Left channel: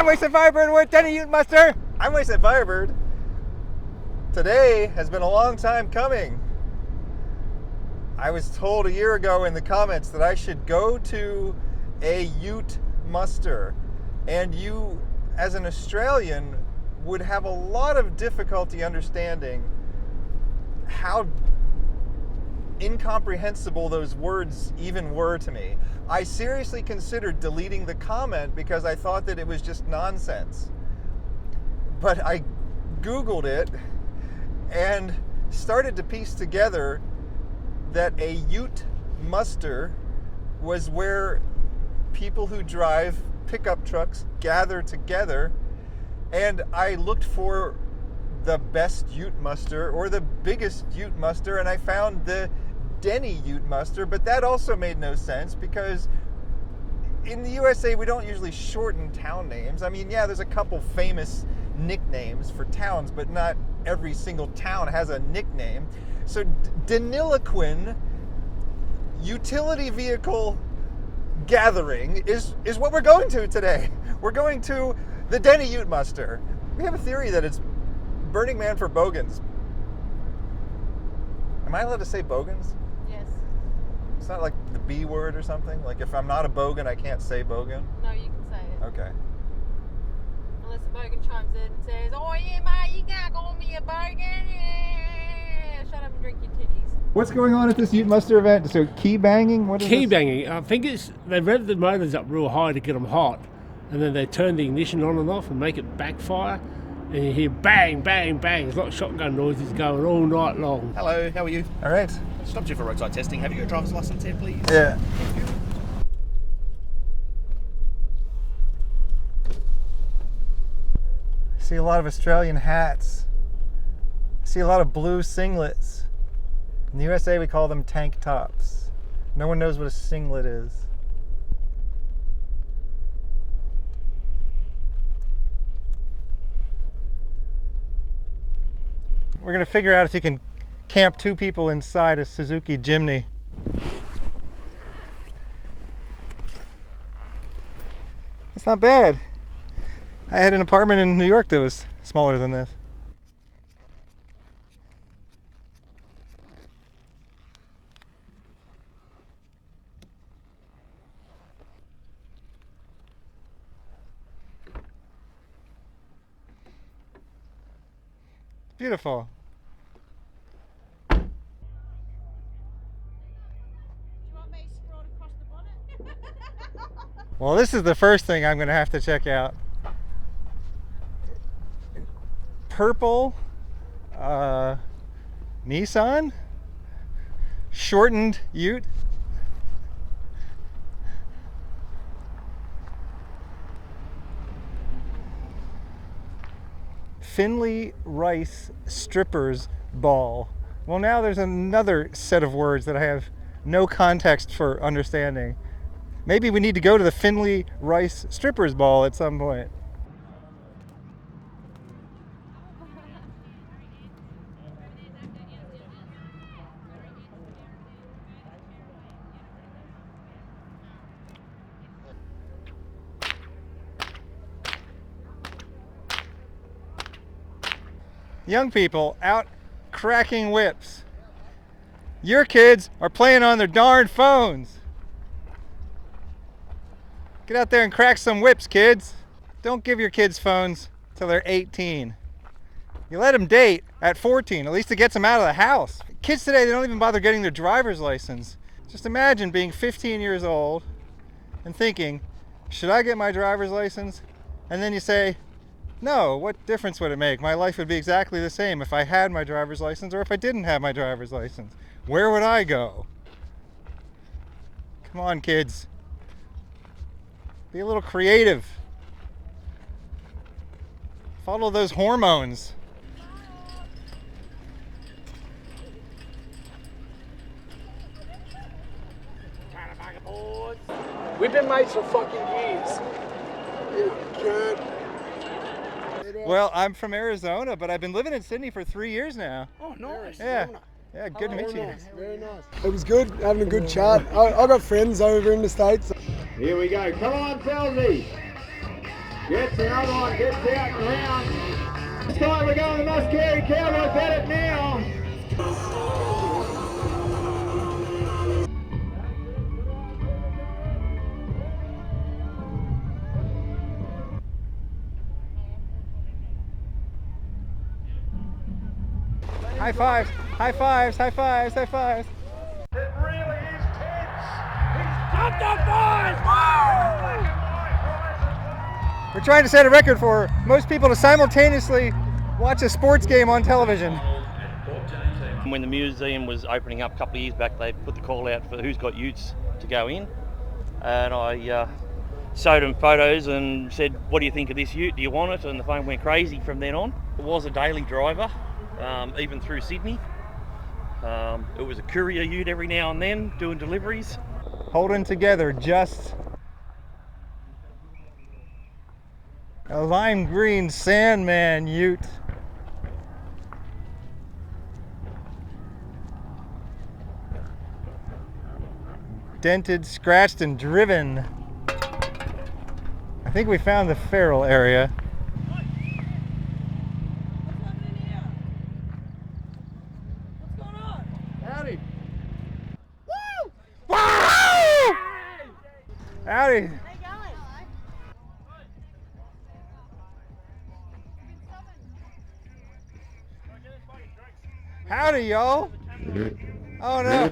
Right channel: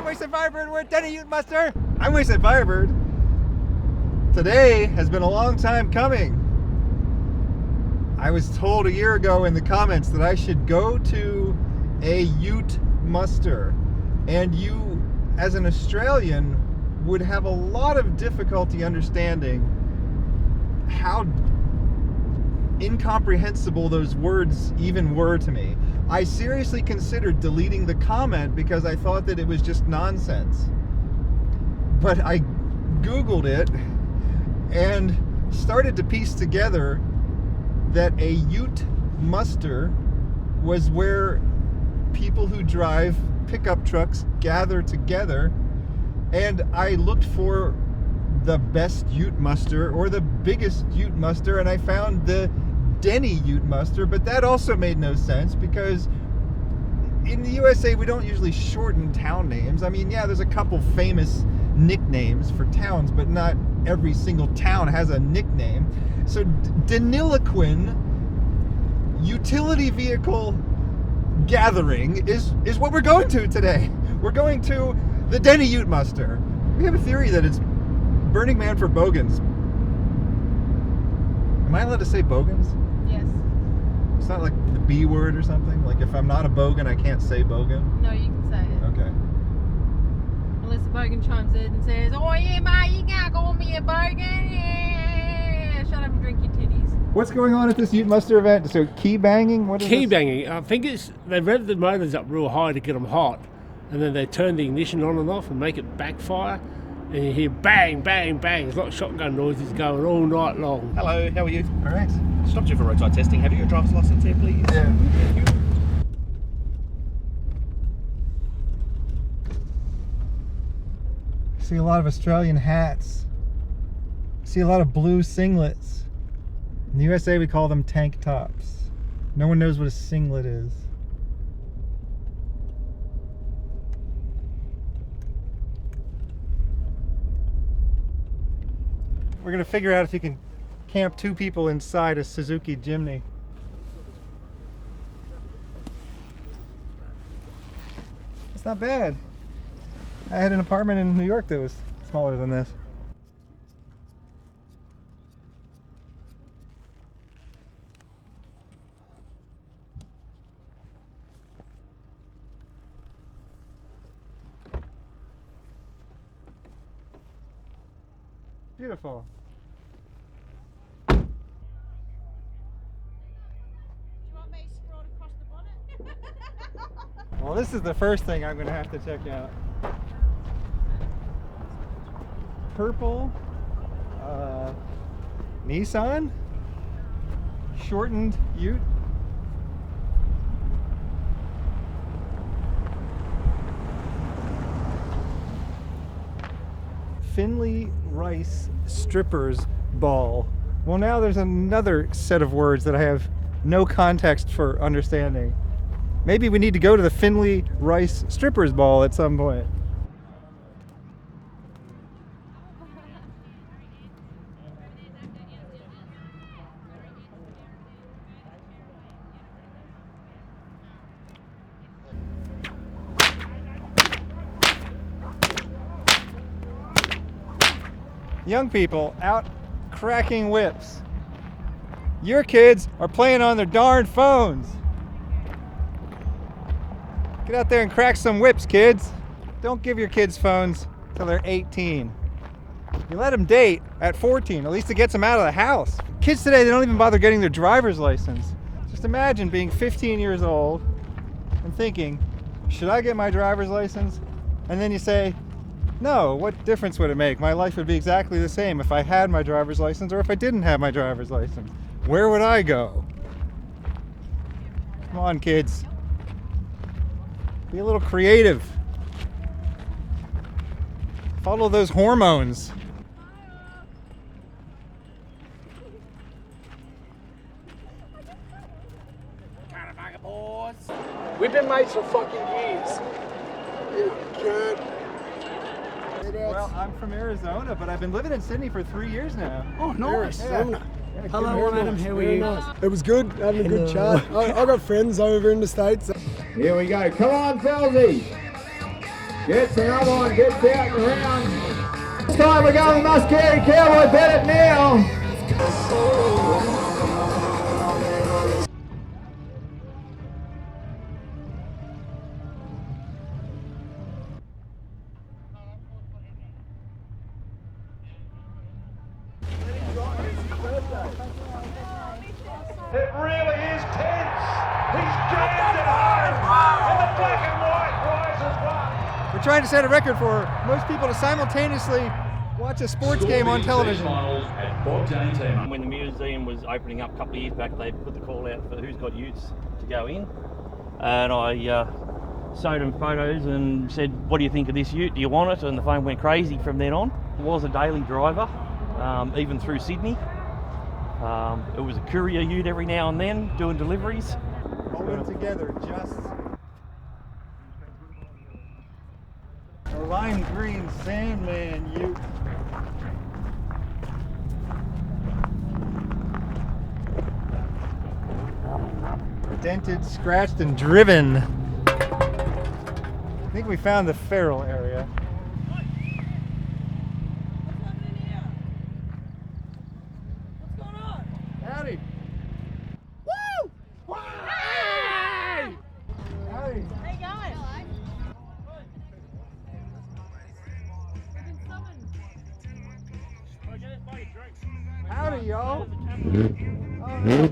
I'm WastelandFirebird with Deni Ute Muster. I'm WastelandFirebird. Today has been a long time coming. I was told a year ago in the comments that I should go to a Ute muster, and you, as an Australian, would have a lot of difficulty understanding how incomprehensible those words even were to me. I seriously considered deleting the comment because I thought that it was just nonsense. But I Googled it and started to piece together that a Ute muster was where people who drive pickup trucks gather together, and I looked for the best Ute muster or the biggest Ute muster, and I found the Deni Ute Muster, but that also made no sense because in the USA we don't usually shorten town names. I mean, yeah, there's a couple famous nicknames for towns, but not every single town has a nickname. So Deniliquin utility vehicle gathering is what we're going to today. We're going to the Deni Ute Muster. We have a theory that it's Burning Man for bogans. Am I allowed to say bogans? Yes. It's not like the B word or something? Like if I'm not a bogan, I can't say bogan? No, you can say it. Okay. Unless the bogan chimes in and says, "Oh yeah, mate, you can't call me a bogan. Yeah, shut up and drink your titties." What's going on at this Ute Muster event? So key banging? What is Key this? banging. I think it's they rev the motors up real high to get them hot, and then they turn the ignition on and off and make it backfire, and you hear bang, bang, bang. There's a lot of shotgun noises going all night long. Hello, how are you? All right. Stopped you for roadside testing. Have you got a driver's license here, please? Yeah. Thank you. I see a lot of Australian hats. I see a lot of blue singlets. In the USA we call them tank tops. No one knows what a singlet is. We're gonna figure out if you can camp two people inside a Suzuki Jimny. It's not bad. I had an apartment in New York that was smaller than this. Beautiful. Do you want me to scroll across the bonnet? Well, this is the first thing I'm going to have to check out. Purple Nissan shortened Ute. Finley Rice Strippers Ball. Well, now there's another set of words that I have no context for understanding. Maybe we need to go to the Finley Rice Strippers Ball at some point. Young people out cracking whips. Your kids are playing on their darn phones. Get out there and crack some whips, kids. Don't give your kids phones till they're 18. You let them date at 14, at least it gets them out of the house. Kids today, they don't even bother getting their driver's license. Just imagine being 15 years old and thinking, should I get my driver's license? And then you say, no, what difference would it make? My life would be exactly the same if I had my driver's license or if I didn't have my driver's license. Where would I go? Come on, kids. Be a little creative. Follow those hormones. We've been mates for fucking years. Well, I'm from Arizona, but I've been living in Sydney for 3 years now. Oh, nice. Yeah. Yeah, good Hello, meeting you. Adam. How are you? It was good, having a good chat. I got friends over in the States. Here we go. Come on, Felzy. Gets another one, gets out and around. This time we're going Muscary Cowboy, bet it now. High fives, high fives, high fives, high fives. It really is tense. He's jumped the line. And the black and white rise as well. We're trying to set a record for most people to simultaneously watch a sports game on television. When the museum was opening up a couple of years back, they put the call out for who's got utes to go in. And I showed them photos and said, what do you think of this ute? Do you want it? And the phone went crazy from then on. I was a daily driver, even through Sydney. It was a courier ute every now and then, doing deliveries. Holding together just a lime green Sandman ute. Dented, scratched, and driven. I think we found the feral area. Howdy. Woo! Woo! Howdy. How you going? Howdy, y'all. Oh no,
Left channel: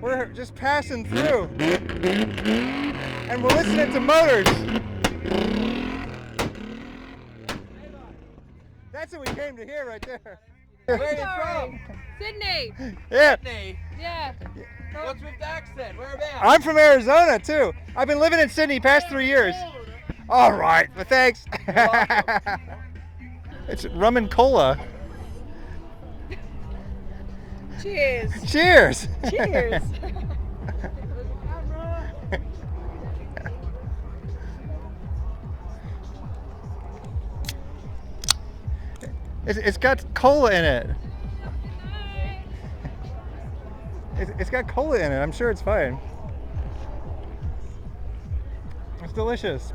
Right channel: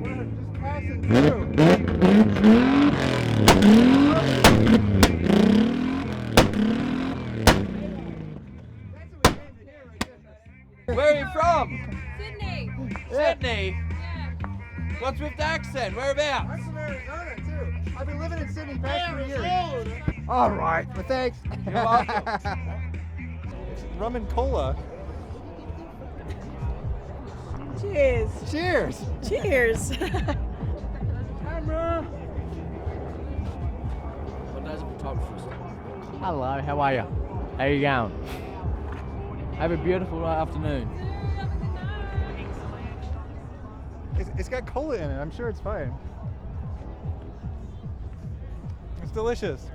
we're just passing through. And we're listening to motors. That's what we came to hear right there. Where are you from? Sydney. Yeah. Sydney. Yeah. What's with the accent? Whereabouts? I'm from Arizona too. I've been living in Sydney past 3 years. All right, but thanks. It's rum and cola. Cheers. Cheers. Cheers. Hello, how are you? How you going? It's got cola in it. It's got cola in it. I'm sure it's fine. It's delicious.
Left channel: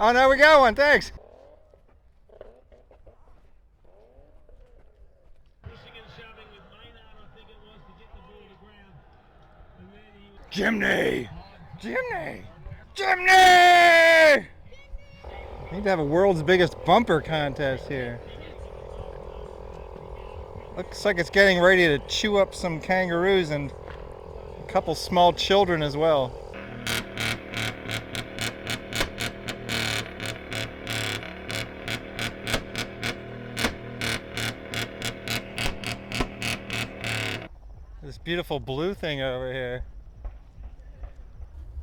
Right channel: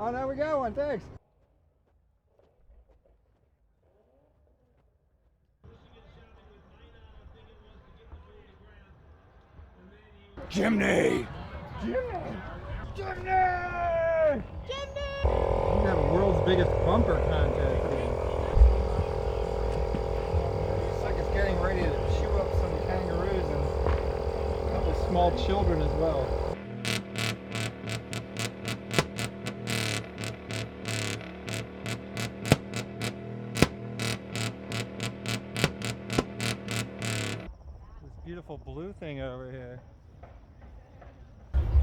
Oh no, we got one. Thanks. Jimny! Jimny! Jimny! We need to have a world's biggest bumper contest here. Looks like it's getting ready to chew up some kangaroos and a couple small children as well. This beautiful blue thing over here.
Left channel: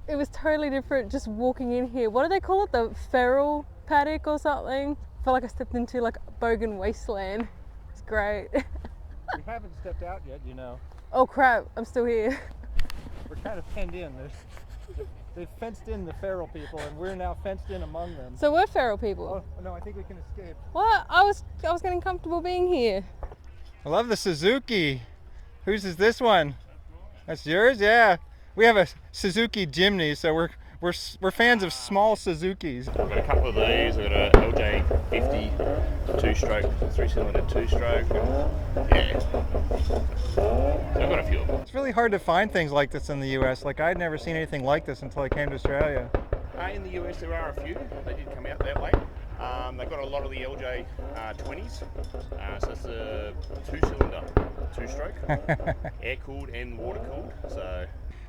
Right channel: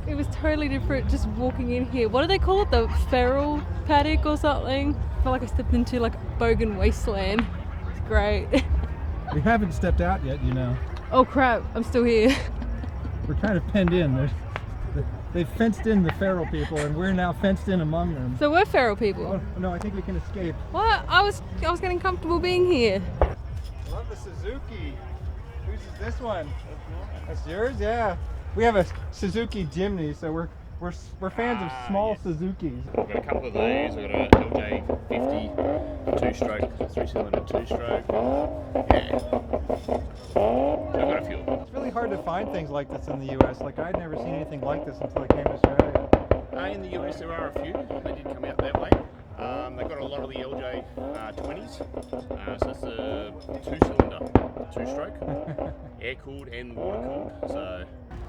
It was totally different just walking in here. What do they call it? The feral paddock or something? I feel like I stepped into like bogan wasteland. It's great. We haven't stepped out yet, you know. Oh crap, I'm still here. We're kind of penned in. They've fenced in the feral people, and we're now fenced in among them. So we're feral people. Oh, no, I think we can escape. What? I was getting comfortable being here. I love the Suzuki. Whose is this one? That's yours? Yeah. We have a Suzuki Jimny, so we're fans of small Suzukis. I've got a couple of these. We've got an LJ50 two-stroke, 3-cylinder two-stroke. Yeah. I've got a few of them. It's really hard to find things like this in the US. Like, I'd never seen anything like this until I came to Australia. In the US there are a few. They did come out that way. They've got a lot of the LJ 20s. So it's a two-cylinder, two-stroke, air-cooled and water-cooled. So.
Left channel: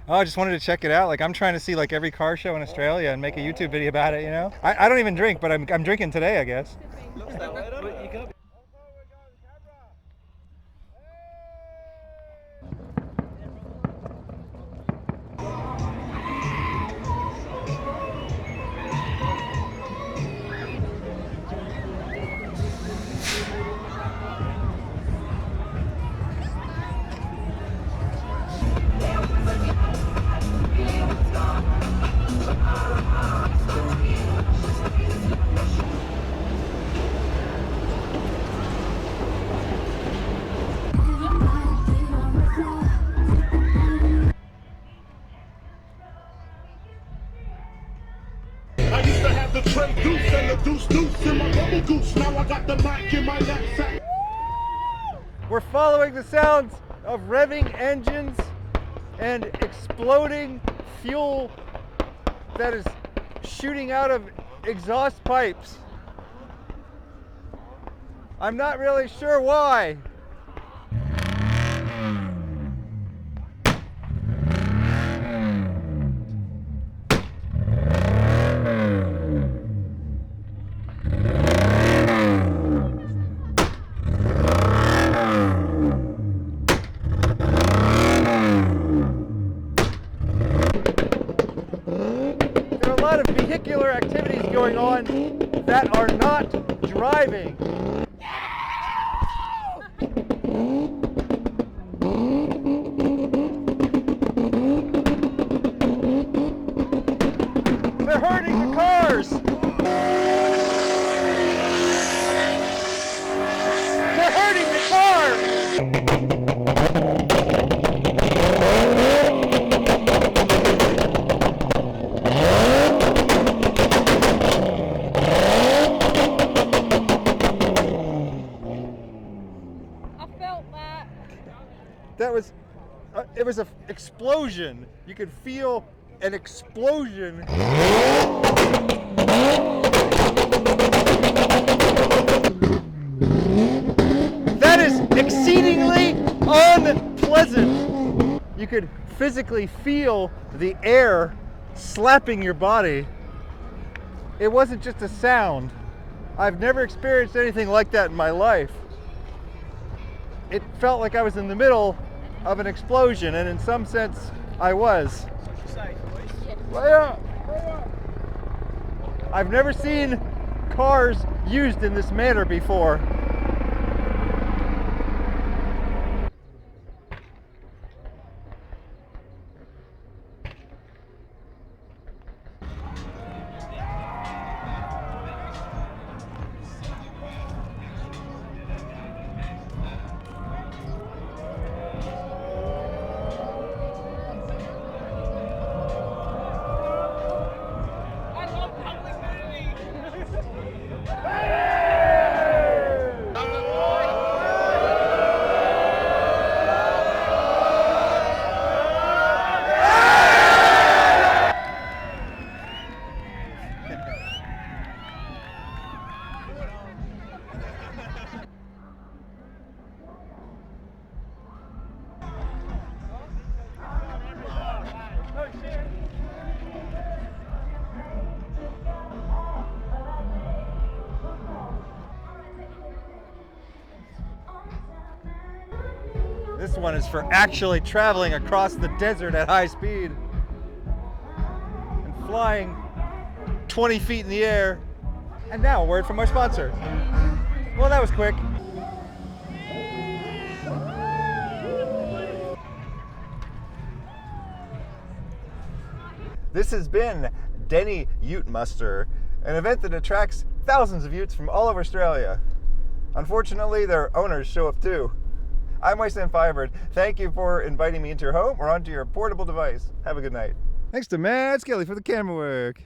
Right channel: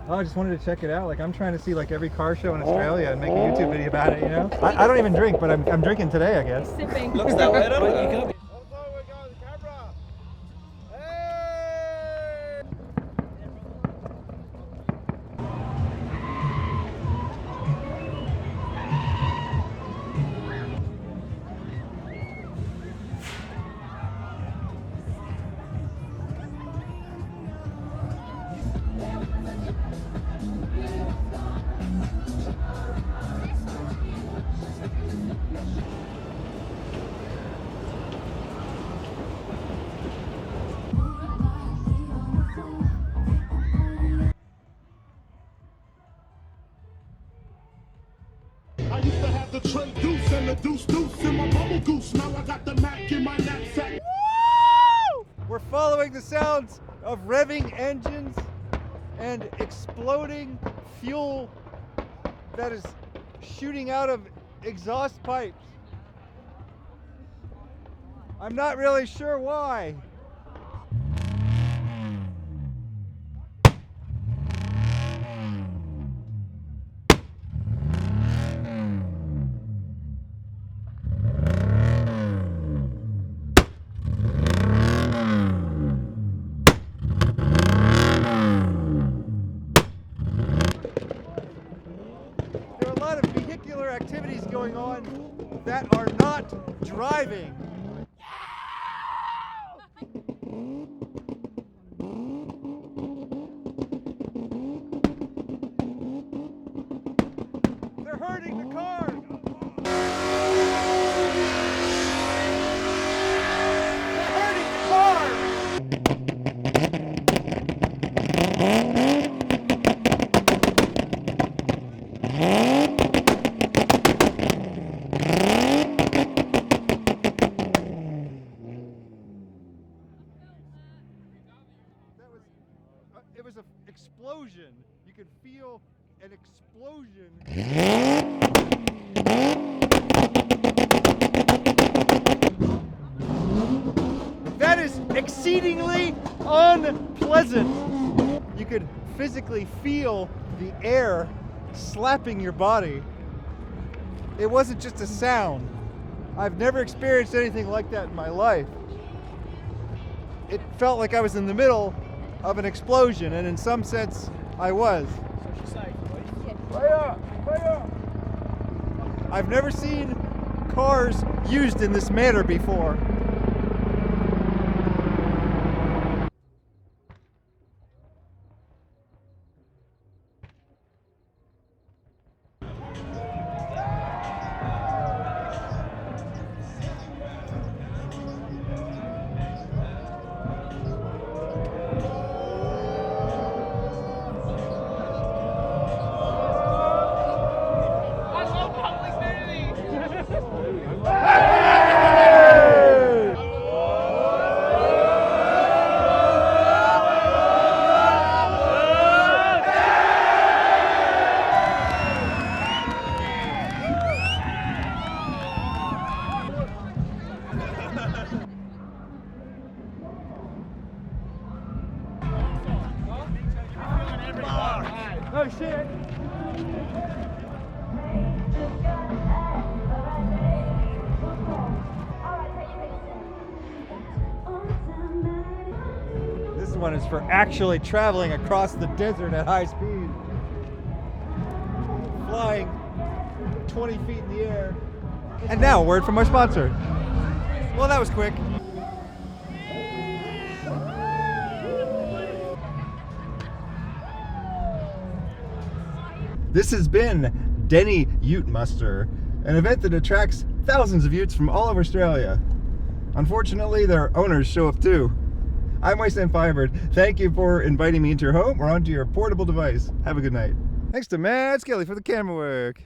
Oh, I just wanted to check it out. Like, I'm trying to see like every car show in Australia and make a YouTube video about it, you know? I don't even drink, but I'm drinking today, I guess. Sipping. Looks that way, don't it? You go. to have the Trey Goose and the Deuce Deuce in my bubble goose. Now I got the Mac in my knapsack. We're following the sounds of revving engines and exploding fuel that is shooting out of exhaust pipes. I'm not really sure why. There are a lot of vehicular activities going on that are not driving. They're hurting the cars! They're hurting the car! I felt that. That was, it was an explosion. You could feel an explosion. That is exceedingly unpleasant. You could physically feel the air slapping your body. It wasn't just a sound. I've never experienced anything like that in my life. It felt like I was in the middle of an explosion, and in some sense, I was. I've never seen cars used in this manner before. Oh shit! This one is for actually traveling across the desert at high speed. Flying 20 feet in the air. And now, a word from our sponsor. Well, that was quick. This has been Deni Ute Muster, an event that attracts thousands of Utes from all over Australia. Unfortunately, their owners show up too. I'm WastelandFirebird. Thank you for inviting me into your home or onto your portable device. Have a good night. Thanks to Matt Skelly for the camera work.